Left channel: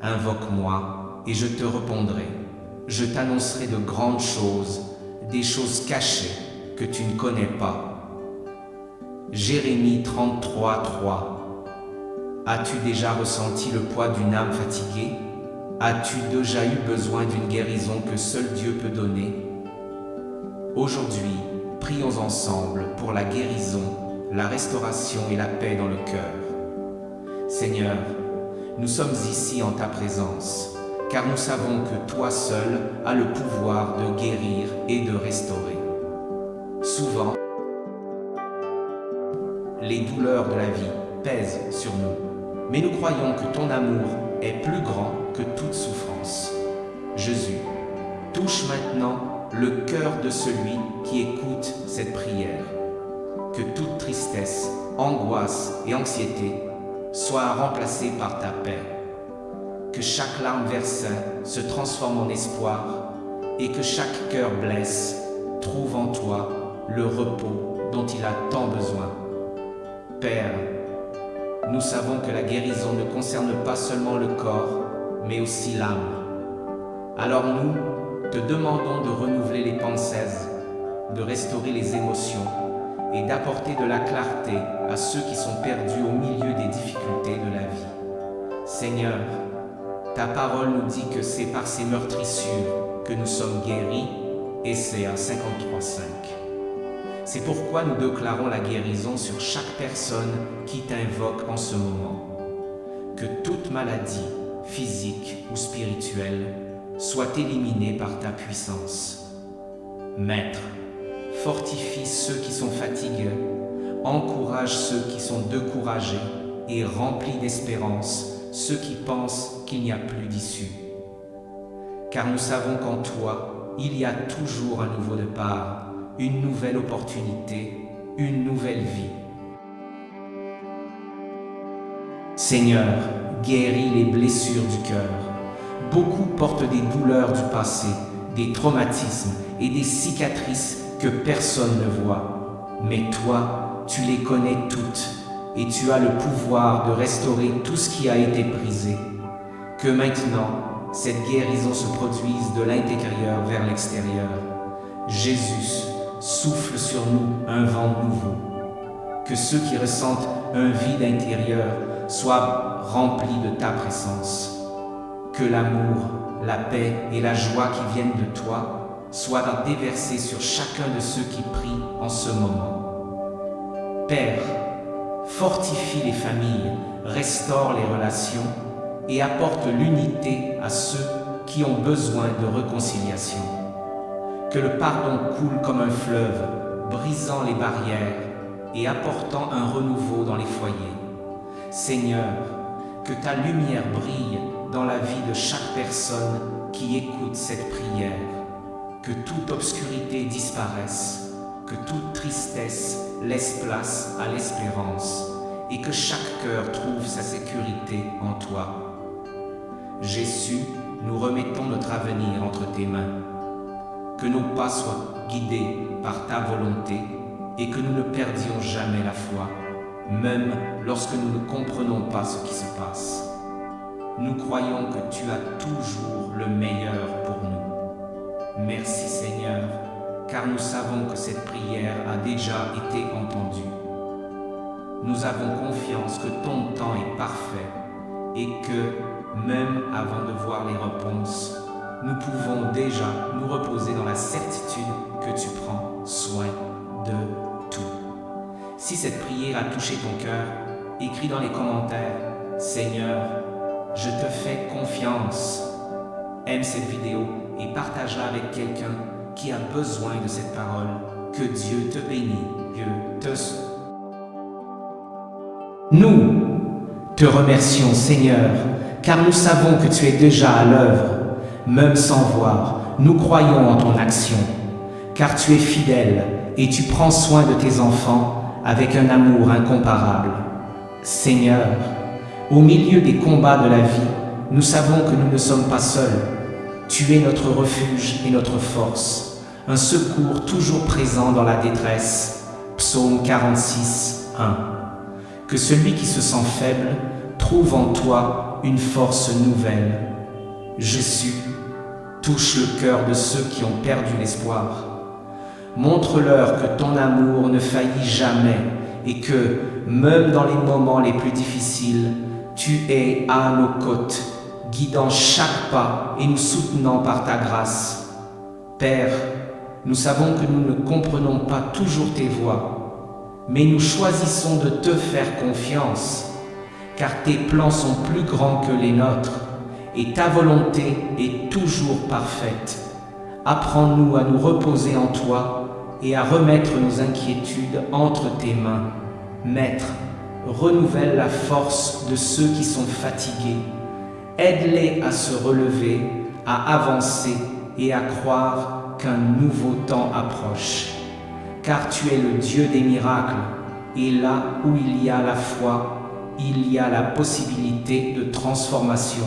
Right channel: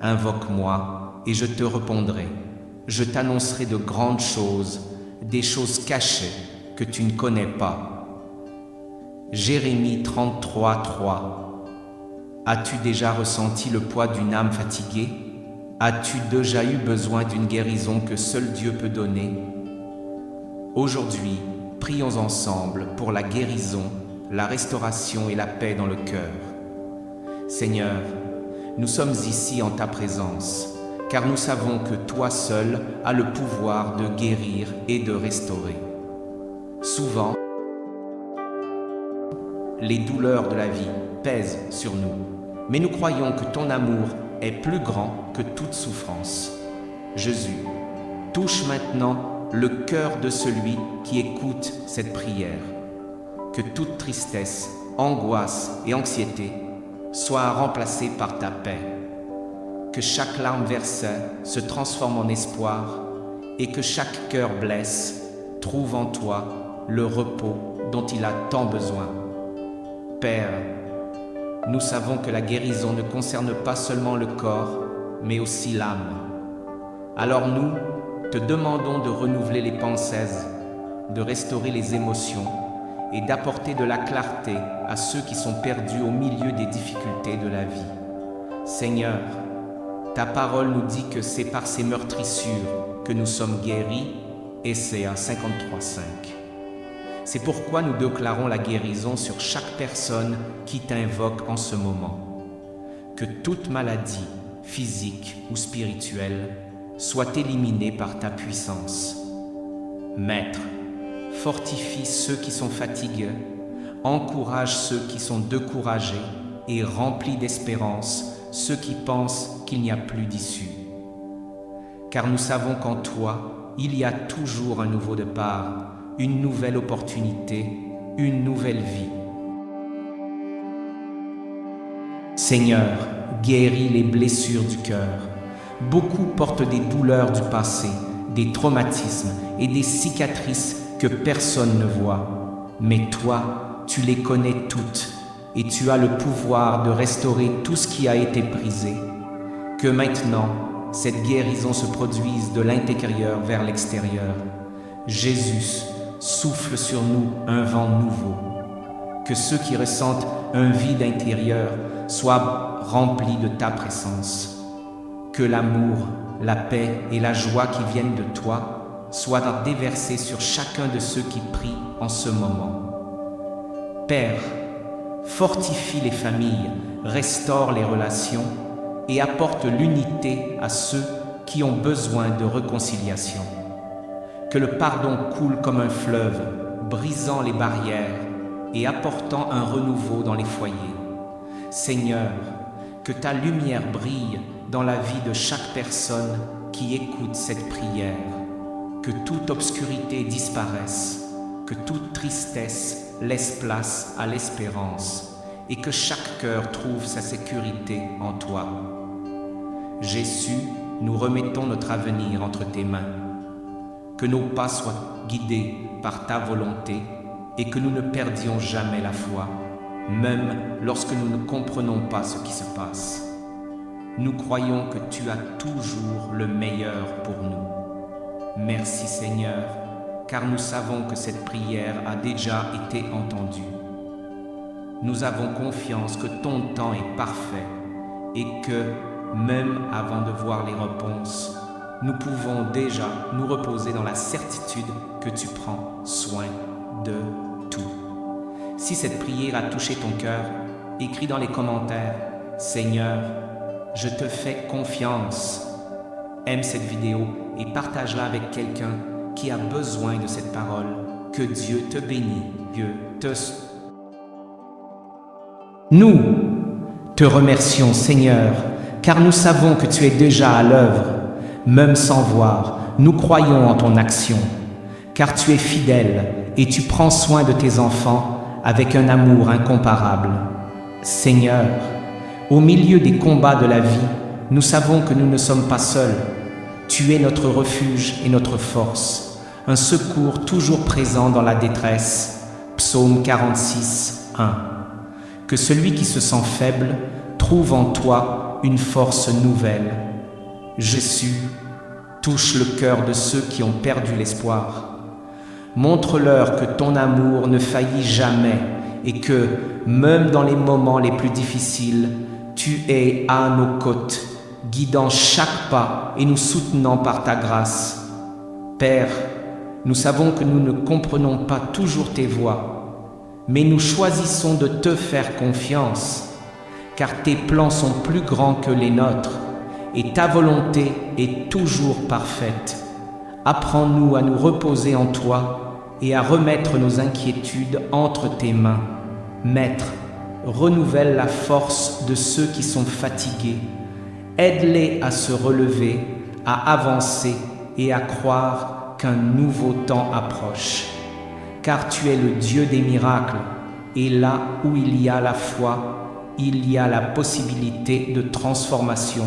Invoque-moi et je te répondrai. Je t'annoncerai de grandes choses, des choses cachées que tu ne connais pas. Jérémie 33, 3. As-tu déjà ressenti le poids d'une âme fatiguée? As-tu déjà eu besoin d'une guérison que seul Dieu peut donner? Aujourd'hui, prions ensemble pour la guérison, la restauration et la paix dans le cœur. Seigneur, nous sommes ici en ta présence, car nous savons que toi seul as le pouvoir de guérir et de restaurer. Souvent, les douleurs de la vie pèsent sur nous, mais nous croyons que ton amour est plus grand que toute souffrance. Jésus, touche maintenant le cœur de celui qui écoute cette prière. Que toute tristesse, angoisse et anxiété soient remplacées par ta paix. Que chaque larme versée se transforme en espoir et que chaque cœur blessé trouve en toi le repos dont il a tant besoin. Père, nous savons que la guérison ne concerne pas seulement le corps, mais aussi l'âme. Alors nous te demandons de renouveler les pensées, de restaurer les émotions et d'apporter de la clarté à ceux qui sont perdus au milieu des difficultés de la vie. Seigneur, ta parole nous dit que c'est par ces meurtrissures que nous sommes guéris, Ésaïe 53:5. C'est pourquoi nous déclarons la guérison sur chaque personne qui t'invoque en ce moment. Que toute maladie, physique ou spirituelle, soit éliminée par ta puissance. Maître, fortifie ceux qui sont fatigués, encourage ceux qui sont découragés et remplis d'espérance ceux qui pensent qu'il n'y a plus d'issue. Car nous savons qu'en toi, il y a toujours un nouveau départ, une nouvelle opportunité, une nouvelle vie. Seigneur, guéris les blessures du cœur. Beaucoup portent des douleurs du passé, des traumatismes et des cicatrices que personne ne voit. Mais toi, tu les connais toutes et tu as le pouvoir de restaurer tout ce qui a été brisé. Que maintenant, cette guérison se produise de l'intérieur vers l'extérieur. Jésus, souffle sur nous un vent nouveau. Que ceux qui ressentent un vide intérieur soient remplis de ta présence. Que l'amour, la paix et la joie qui viennent de toi soient déversés sur chacun de ceux qui prient en ce moment. Père, fortifie les familles, restaure les relations et apporte l'unité à ceux qui ont besoin de réconciliation. Que le pardon coule comme un fleuve, brisant les barrières et apportant un renouveau dans les foyers. Seigneur, que ta lumière brille dans la vie de chaque personne qui écoute cette prière. Que toute obscurité disparaisse, que toute tristesse laisse place à l'espérance et que chaque cœur trouve sa sécurité en toi. Jésus, nous remettons notre avenir entre tes mains. Que nos pas soient guidés par ta volonté et que nous ne perdions jamais la foi, même lorsque nous ne comprenons pas ce qui se passe. Nous croyons que tu as toujours le meilleur pour nous. Merci Seigneur, car nous savons que cette prière a déjà été entendue. Nous avons confiance que ton temps est parfait et que, même avant de voir les réponses, nous pouvons déjà nous reposer dans la certitude que tu prends soin de tout. Si cette prière a touché ton cœur, écris dans les commentaires « Seigneur, je te fais confiance ». Aime cette vidéo et partage-la avec quelqu'un qui a besoin de cette parole. Que Dieu te bénisse. Dieu te... Nous te remercions, Seigneur, car nous savons que tu es déjà à l'œuvre. Même sans voir, nous croyons en ton action, car tu es fidèle et tu prends soin de tes enfants avec un amour incomparable. Seigneur, au milieu des combats de la vie, nous savons que nous ne sommes pas seuls. Tu es notre refuge et notre force, un secours toujours présent dans la détresse. Psaume 46, 1. Que celui qui se sent faible trouve en toi une force nouvelle. Jésus, touche le cœur de ceux qui ont perdu l'espoir. Montre-leur que ton amour ne faillit jamais et que, même dans les moments les plus difficiles, tu es à nos côtés, guidant chaque pas et nous soutenant par ta grâce. Père, nous savons que nous ne comprenons pas toujours tes voies, mais nous choisissons de te faire confiance, car tes plans sont plus grands que les nôtres et ta volonté est toujours parfaite. Apprends-nous à nous reposer en toi et à remettre nos inquiétudes entre tes mains. Maître, renouvelle la force de ceux qui sont fatigués. Aide-les à se relever, à avancer et à croire qu'un nouveau temps approche. Car tu es le Dieu des miracles, et là où il y a la foi, il y a la possibilité de transformation.